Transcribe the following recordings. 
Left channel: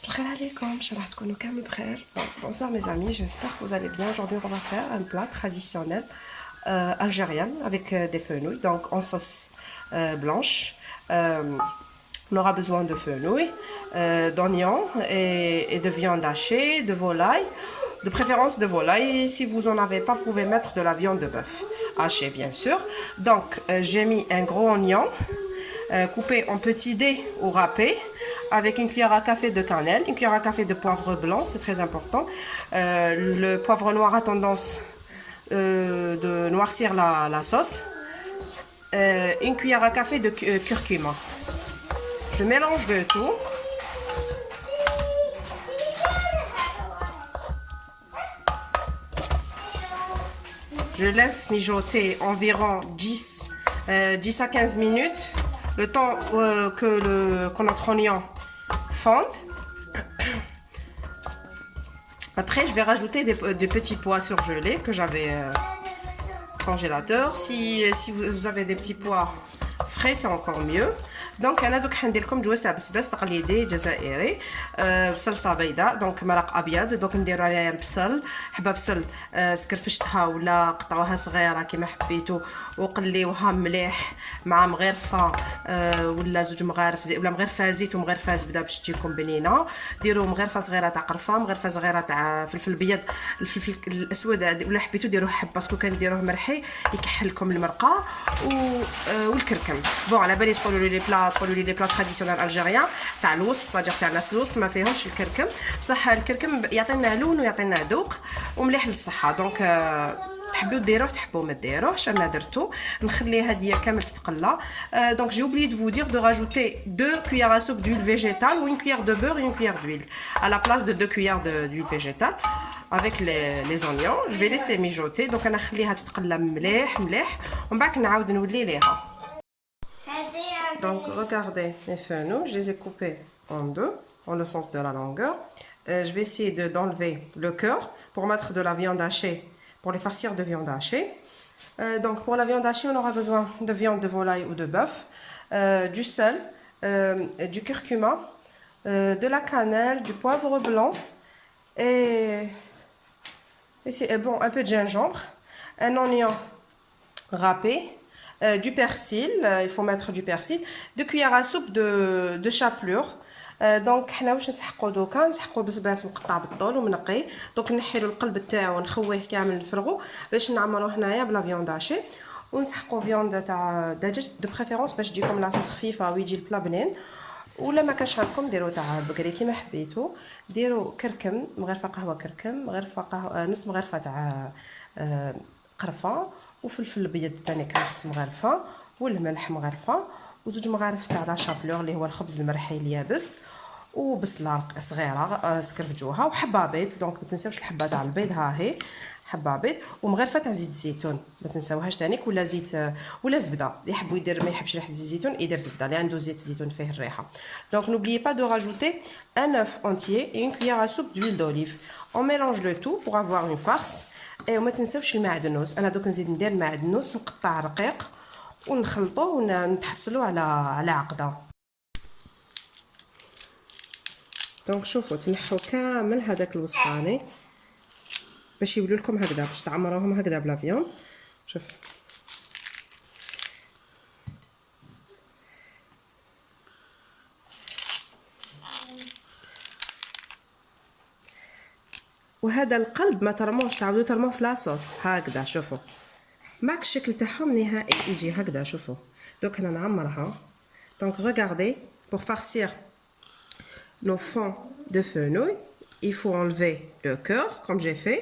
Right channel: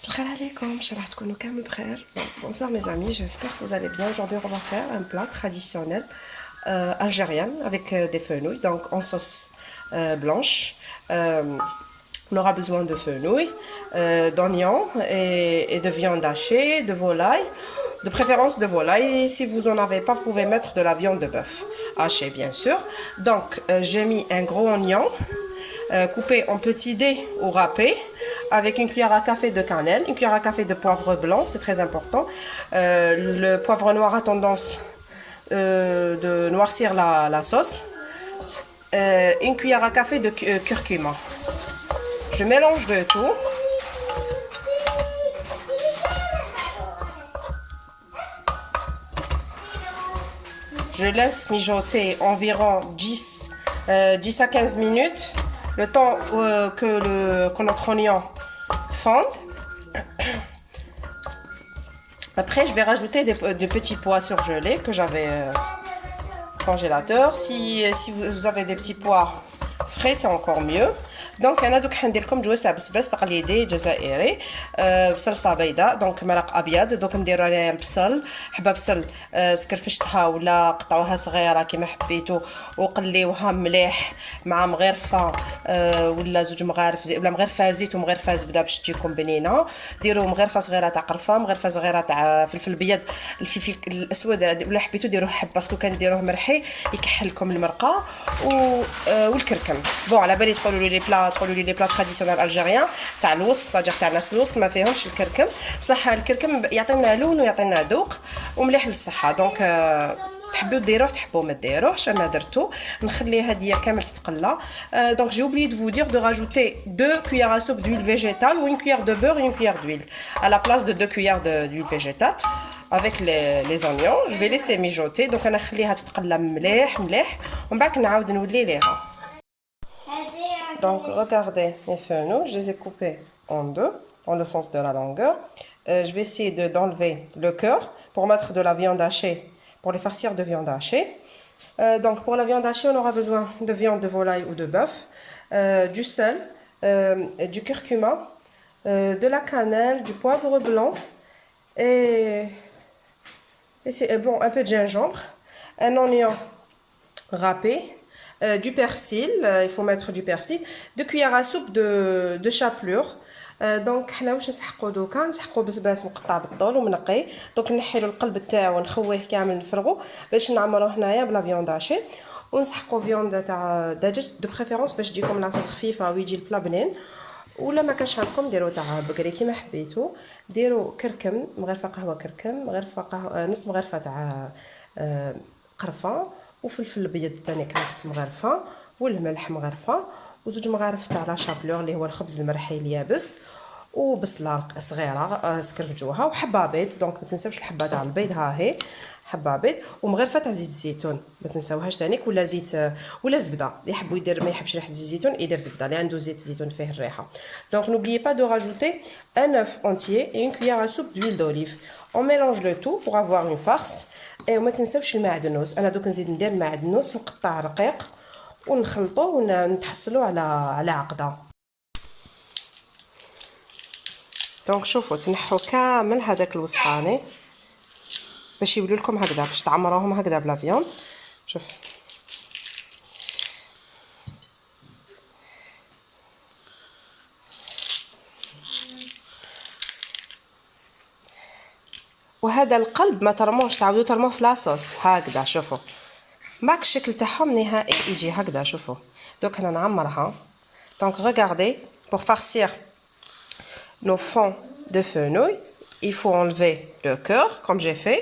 Salam alaikum, bonsoir mes amis, j'espère que vous allez bien. Aujourd'hui, on va faire un plat traditionnel algérien avec des fenouilles, donc en sauce blanche. On aura besoin de fenouilles, d'oignons et de viande hachée, de volaille, de préférence de volaille. Et si vous n'en avez pas, vous pouvez mettre de la viande de bœuf hachée, bien sûr. Donc, j'ai mis un gros oignon coupé en petits dés ou râpés avec une cuillère à café de cannelle, une cuillère à café de poivre blanc, c'est très important. Le poivre noir a tendance de noircir la sauce. Une cuillère à café de curcuma. Je mélange le tout. Je laisse mijoter environ 10 à 15 minutes, le temps que notre oignon fonde. Après, je vais rajouter des petits pois surgelés que j'avais congélateur. Si vous avez des petits pois frais, c'est encore mieux. دونك انا دوك حندير لكم جواز تاع بسباس تقليدي جزائري بصلصه بيضاء دونك مرق ابيض دوك نديروا عليها البصل حبه بصل سكرفشتها ولا قطعوها صغيره كيما حبيتو وقليوها مليح مع مغرفه ولا زوج مغارف ولا مغرفه زيت ومغرفه زبده باش تجيكم بنينه. ديروا مغرفه صغيره تاع قرفه مغرفه صغيره تاع فلفل ابيض الفلفل الاسود ولا حبيتو ديروه حب باسكو كنديروه مرحي يكحل لكم المرقه والكركم. بون على بالي تقولوا لي بلا تراديسيونيل الجيريان تاع الوسط صاجر تاع الناس الوسط ما فيهمش الكركم بصح الكركم يعطينا لون ويعطينا ذوق ومليح للصحه. دونك تحبوا ديروه تحبوا ما ديروهش انا درتو نخليه هاديه كامل تتقلى. دونك j'ai oublié de vous dire de rajouter 2 cuillères à soupe d'huile végétale ou une cuillère de beurre et une cuillère d'huile à la place de 2 cuillères d'huile végétale avec les oignons. Je vais laisser mijoter donc انا نخليها تتقلى مليح ومن بعد نعاود نولي ليها. Donc, regardez mes fenouils, je les ai coupés en deux, dans le sens de la longueur. Je vais essayer d'enlever le cœur pour mettre de la viande hachée, pour les farcir de viande hachée. Donc, pour la viande hachée, on aura besoin de viande de volaille ou de bœuf, du sel, du curcuma, de la cannelle, du poivre blanc et c'est bon, un peu de gingembre, un oignon râpé. Du persil, il faut mettre du persil, 2 cuillères à soupe de chapelure. دونك حنا واش نسحقوا دوكا نسحقوا بسباس مقطع بالطول ومنقي دونك نحيلو القلب تاعو ونخويه كامل نفرغو باش نعمروه هنايا بلا فيوند هاشي ونسحقوا فيوند تاع دجاج دو بريفيرونس باش تجيكم لاصوص خفيفه ويجي البلا بنين. ولا ما كانش عندكم ديروا تاع بقري كيما حبيتو. ديروا كركم مغرفه قهوه كركم مغرفه قهوه نص مغرفه تاع قرفه وفلفل ابيض تاني نص مغرفه والملح مغرفه وزوج مغارف تاع لا شابلور اللي هو الخبز المرحي اليابس وبصله صغيره سكرفجوها وحبه بيض. دونك ما تنساوش الحبه تاع البيض ها هي حبه بيض ومغرفه تاع زيت الزيتون ما تنساوهاش تانيك ولا زيت ولا زبده اللي يحبوا يدير ما يحبش ريحه زيت الزيتون يدير زبده اللي عنده زيت الزيتون فيه الريحه. دونك n'oubliez pas de rajouter un œuf entier et une cuillère à soupe d'huile d'olive. On mélange le tout pour avoir une farce. وما تنساوش المعدنوس انا دوك نزيد ندير معدنوس مقطع رقيق ونخلطوه ونتحصلوا على عقده. دونك شوفوا تنحوا كامل هذاك الوسطاني باش يولوا لكم هكذا باش تعمروهم هكذا بلا فيون. شوف وهذا القلب ما ترموش تعاودوا ترموه في لاصوص هكذا. شوفوا ماك الشكل تاعهم نهائي يجي هكذا. شوفوا دوك انا نعمرها. دونك regardez pour farcir nos fonds de fenouil il faut enlever le cœur comme j'ai fait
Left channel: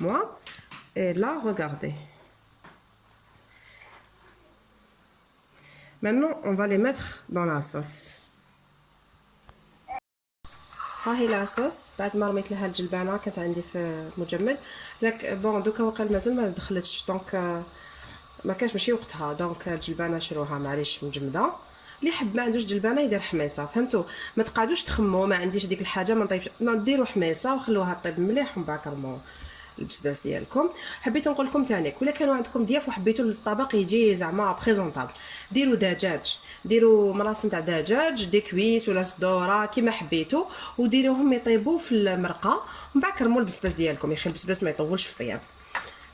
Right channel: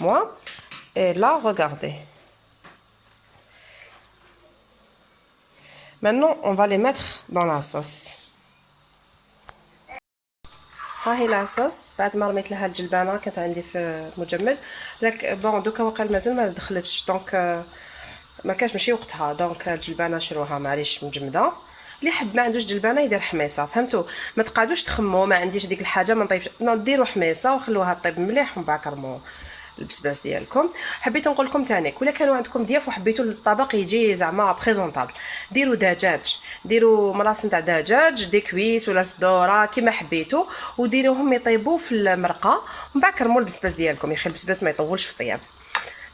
moi et là regardez. Maintenant on va les mettre dans la sauce. ها هي لاصوص بعد ما رميت لها الجلبانه كانت عندي في مجمد لك بون دوكا وقال مازال ما دخلتش دونك ما كانش ماشي وقتها. دونك الجلبانه شروها معليش مجمده. اللي حب ما عندوش جلبانه يدير حميصه فهمتوا ما تقعدوش تخموا ما عنديش ديك الحاجه ما نطيبش ديروا حميصه وخلوها طيب مليح ومن بعد كرموه البسباس ديالكم. حبيت نقول لكم ثاني ولا كانوا عندكم ضياف وحبيتوا الطبق يجي زعما بريزونطابل، ديروا دجاج، ديروا ملاص نتاع دجاج دي كويس ولا صدوره كيما حبيتوا، وديروهم يطيبوا في المرقه، ومن بعد كرموا البسباس ديالكم. يخلي البسباس ما يطولش في الطياب.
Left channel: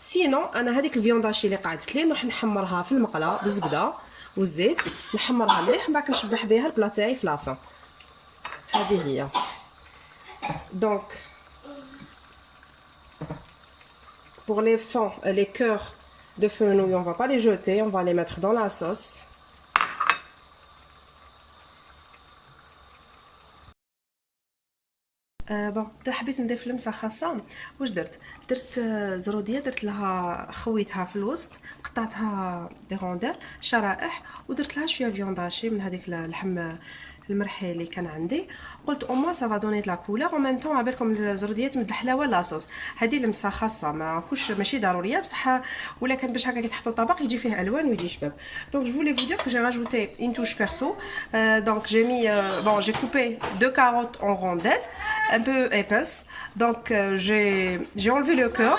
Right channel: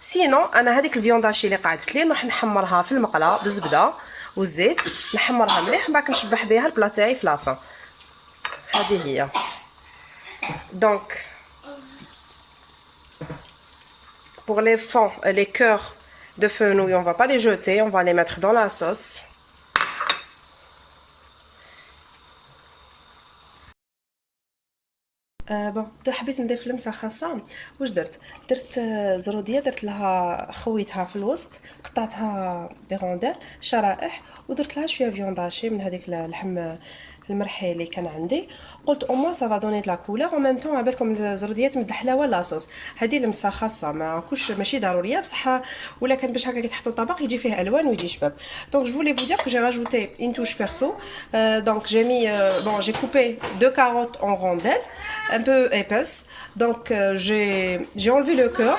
سينو انا هذيك الفيونداشي اللي قعدت لي راح نحمرها في المقله بالزبده والزيت، نحمرها مليح، من بعد نشبح بها البلا تاعي في لافان. هذه هي. دونك pour les fonds et les cœurs de fenouil, on va pas les jeter, on va les mettre dans la sauce. بون حبيت نضيف لمسه خاصه. واش درت زروديه، درت لها خويتها في الوسط، قطعتها دي رونديل شرائح، ودرت لها شويه فيونداشي من هذيك اللحم المرحي اللي كان عندي. قلت او موان سا فا دوني دو لا كولور او ميم طون عبالكم الزروديات من الحلاوه لاصوص. هذه لمسه خاصه ما كوش ماشي ضروريه بصح، ولا كان باش هكا كي تحطوا الطبق يجي فيه الوان ويجي شباب. دونك جو فولي فو دير كو جي راجوتي une touche perso. Donc j'ai mis bon j'ai coupé 2 carottes en rondelles un peu épaisses. Donc j'ai enlevé le cœur,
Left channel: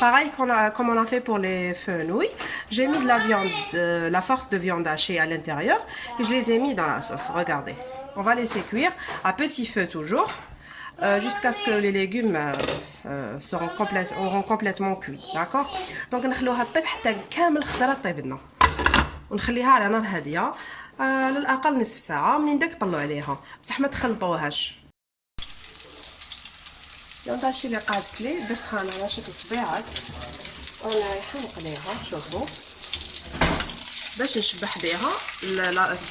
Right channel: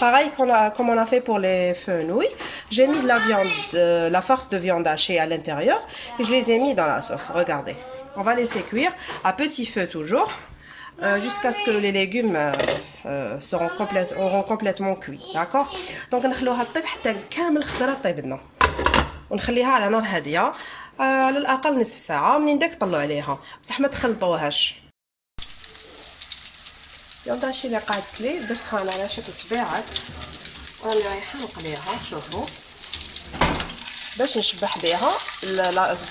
pareil comme on a fait pour les fenouilles. J'ai mis de la viande, la farce de viande hachée à l'intérieur, et je les ai mis dans la sauce. Regardez, on va laisser cuire à petit feu toujours, jusqu'à ce que les légumes auront complètement cuit. D'accord? Donc نخلوها تطيب حتى كامل الخضره طيب لنا، ونخليها على نار هاديه على الاقل نصف ساعه. منين داك طلعوا عليها بصح ما تخلطوهاش. الفيونداشي اللي قعدت لي درتها انا على شكل صبيعات، وانا رايحه نقليها. شوفوا باش نشبح بها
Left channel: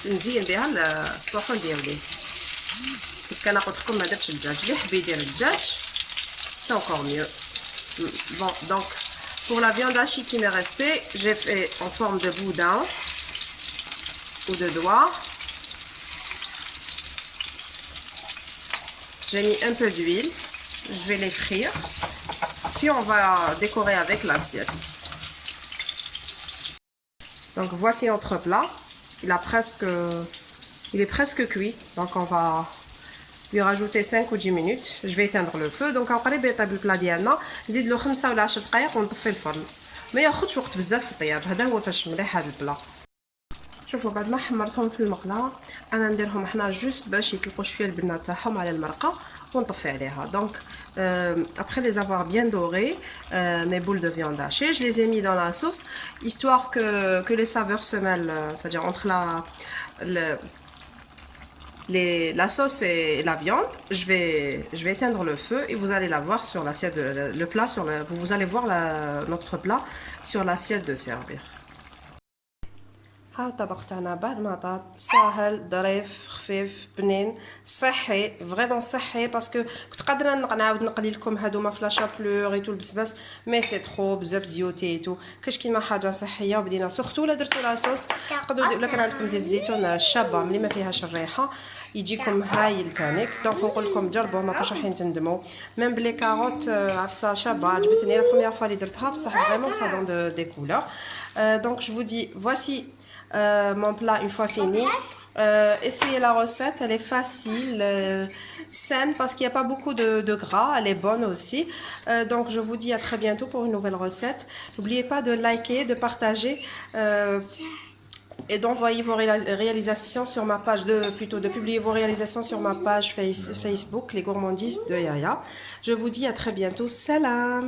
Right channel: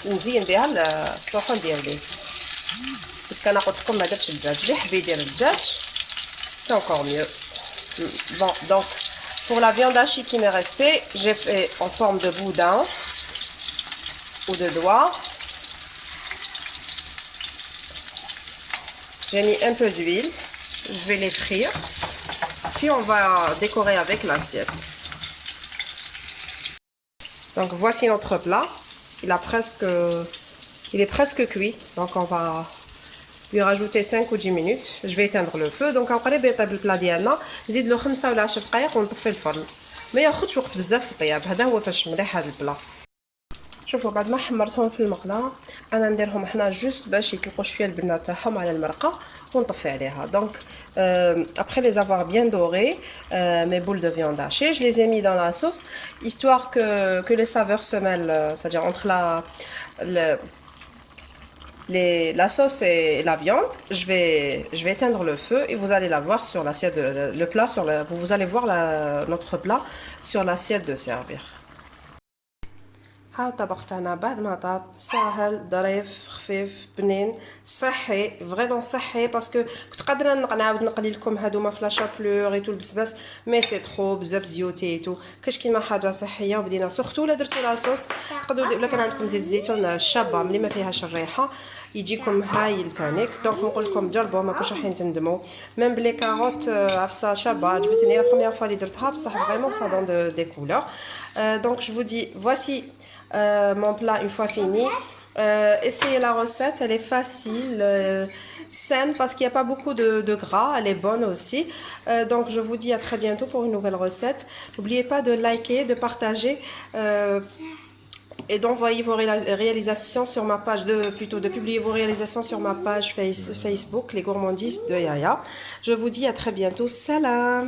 نزين بها الصحون ديالي، بس كان قلت لكم ما درتش الدجاج. اللي حبي يدير الدجاج سي encore mieux. Bon donc pour la viande hachée qui m'est restée, j'ai fait en forme de boudin ou de doigt. J'ai mis un peu d'huile, je vais les frire, puis on va décorer avec l'assiette. Donc voici notre plat, il est presque cuit, donc on va lui rajouter 5 ou 10 minutes. Je vais éteindre le feu. Donc قريب يطيب البلا ديالنا، نزيد له 5 ولا 10 دقائق ونطفي الفرن. ما ياخذش وقت بزاف في الطياب، هذا هو فاش مليح هذا البلا. شوفوا بعد ما حمرتهم في المقله انا نديرهم حنا جوست باش يطلقوا شويه البنه تاعهم على المرقه ونطفي عليها. Donc après les avoir bien dorés, mes boules de viande hachée, je les ai mis dans la sauce histoire que les saveurs se mêlent, c'est-à-dire entre la sauce et la viande. Je vais éteindre le feu et vous allez la voir sur l'assiette, le plat vous allez voir notre plat sur l'assiette de servir. ها الطبق تاعنا بعد ما طاب، ساهل ظريف خفيف بنين صحي، فريمون صحي. باسكو كنت قادره نعاود نقلي لكم هادوما في لا شابلور ايتو البسباس، مي سي ترو بزاف زيوتي ايتو. كاش كيما حاجه صحيه. وبدينا سورتو لا درتو لاصوص تقدروا، ولا كان عندكم زيت الزيتون شابه ملي ما فيهاش الريحه يجيكم هايل تانيك. دونك نقول لكم جربوا، ما كوش رايحين تندموا. ميم بلي كاروت عفسه شابه، عجبتني لا بروميير فوا اللي درتها، بصح فريمون سا دون دي كولور. دونك جو فو دي voici mon plat une fois fini. Essayez la recette, elle est facile, saine parce qu'il n'y a pas beaucoup de gras, elle est bonne aussi. Donc je vous dis à très bientôt pour une nouvelle recette. N'oubliez pas de liker, de partager et d'envoyer vos réalisations sur ma page, de publier vos réalisations sur ma page Facebook, les gourmandises de Yaya. Je vous dis à très bientôt. Salam!